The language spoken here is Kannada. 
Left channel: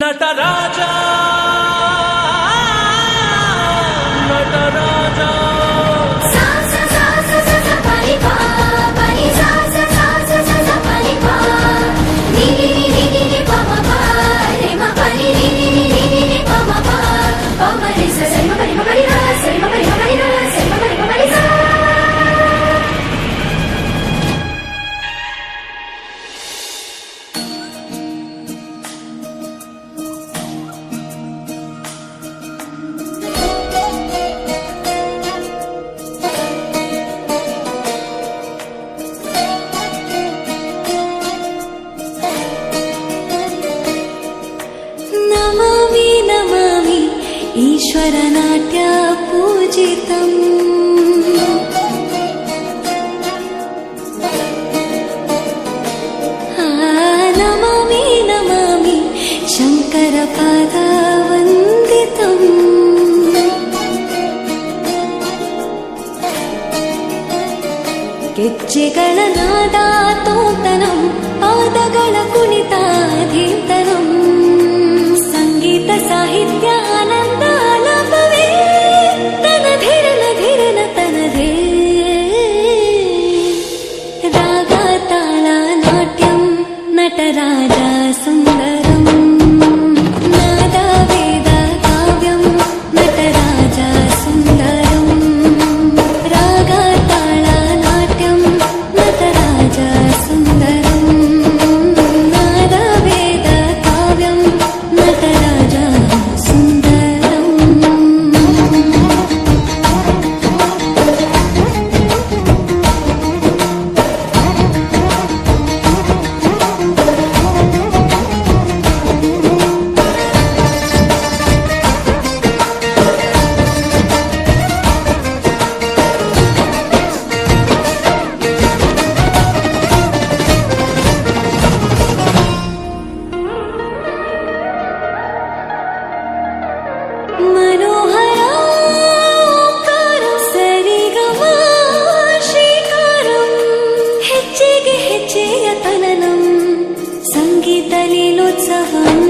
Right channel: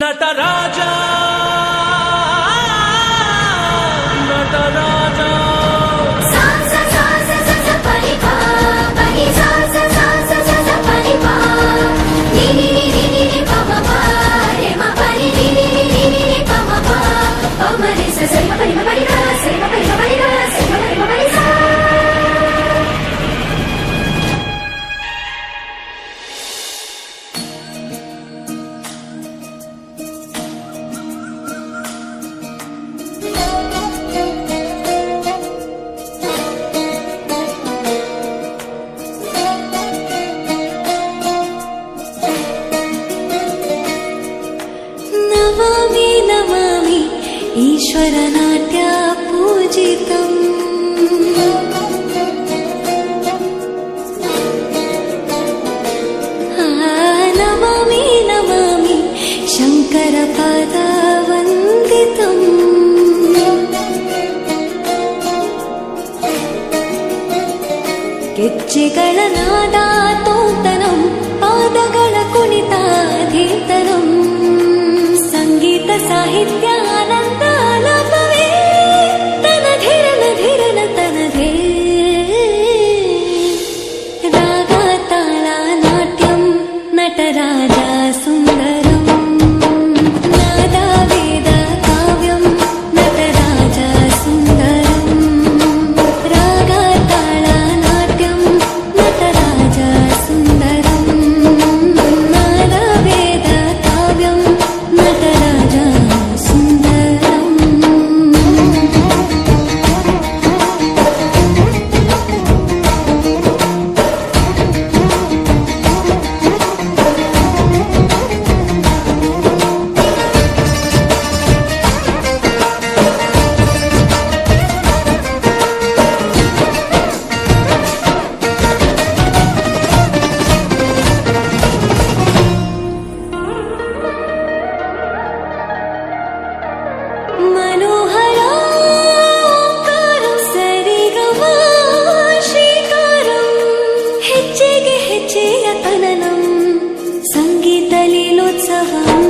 నటరాజా నటరాజా नमामि नमामि ईश्वरनाट्य पूजितम् नमामि नमामि शङ्करपादवन्दितम् ಗೆಜ್ಜೆಗಳ ನಾದ ತೋಂತನಂ ಪಾದಗಳ ಕುಣಿತಾಧೀಂತನಂ ಸಂಗೀತ ಸಾಹಿತ್ಯ ಆನಂದ ಆಲಾಪವೇ ತನಧಿರನ ಧಿರನ ತನಧೇ ರಾಗ ತಾಳ ನಾಟ್ಯಂ ನಟರಾಜ ಸುಂದರಂ ನಾದ ವೇದ ಕಾವ್ಯಂ ನಟರಾಜ ಸುಂದರಂ ರಾಗ ತಾಳ ನಾಟ್ಯಂ ನಟರಾಜ ಸುಂದರಂ ನಾದ ವೇದ ಕಾವ್ಯಂ ನಟರಾಜ ಸುಂದರಂ मनोहर ओंकारं सरिगमा श्रीकारं ಹೆಜ್ಜೆಗೆ ಹೆಜ್ಜೆಯ ತನನಂ ಸಂಗೀತ ಲೀಲೋತ್ಸವಂ